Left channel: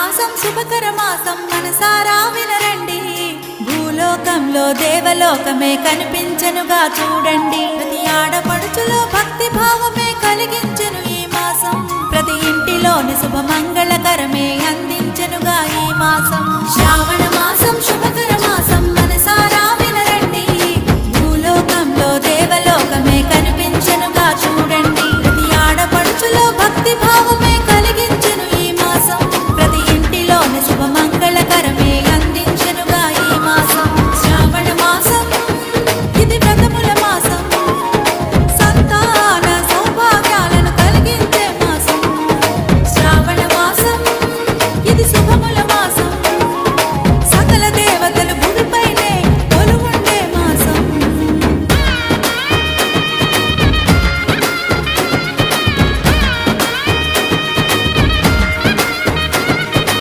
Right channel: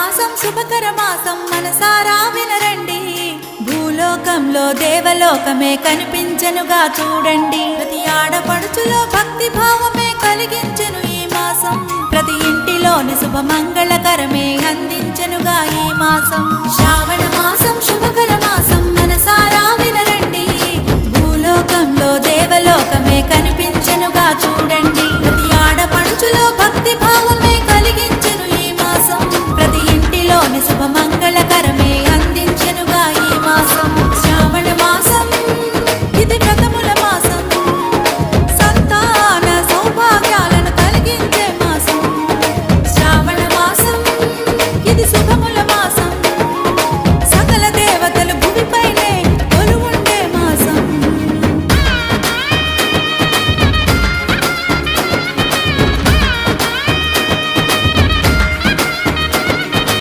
మాసం శుభకర మాసం మనసారా వినరండి. భూలోకంలో దేవలోకమే కనిపించెనుగా చూడండి. ప్రతి ఆడపడుచులో భక్తి భావమే కలిగించెను ఈ మాసం. ప్రతి ఇంటిలోని శుభమంగళకరమే అందించెనుగా ఈ మాసం. శ్రావణ మాసం శుభకర మాసం మనసారా వినరండి. భూలోకంలో దేవలోకమే కనిపించెనుగా చూడండి. ప్రతి ఆడపడుచులో భక్తి భావమే కలిగించెను ఈ మాసం. ప్రతి ఇంటిలోని శుభమంగళకరమే అందించెనుగా ఈ మాసం. శ్రావణ మాసం ఇది వ్రతముల మాసం. సంతాన సౌభాగ్యాలను కలిగించే మాసం. శ్రావణ మాసం ఇది శుభముల మాసం. సకల దేవతలు